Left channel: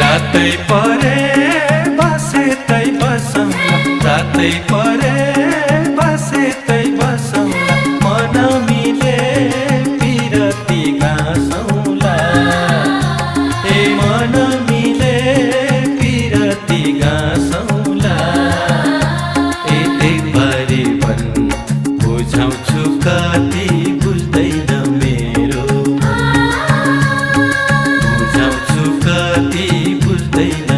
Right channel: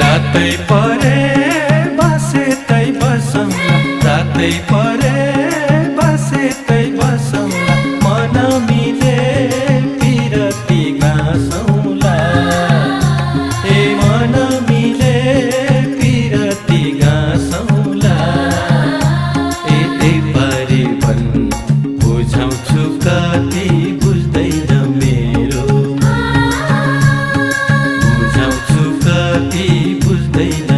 रातै परे बसेतै बसौँला, रातै परे बसेतै बसौँला, मन मिले पिरती गाँसौँला। ए मन मिले पिरती गाँसौँला। यतै परिवन बुझाउँछु कति बुझ्दैन मेरो मन, बुझाउँछु कति बुझ्दैन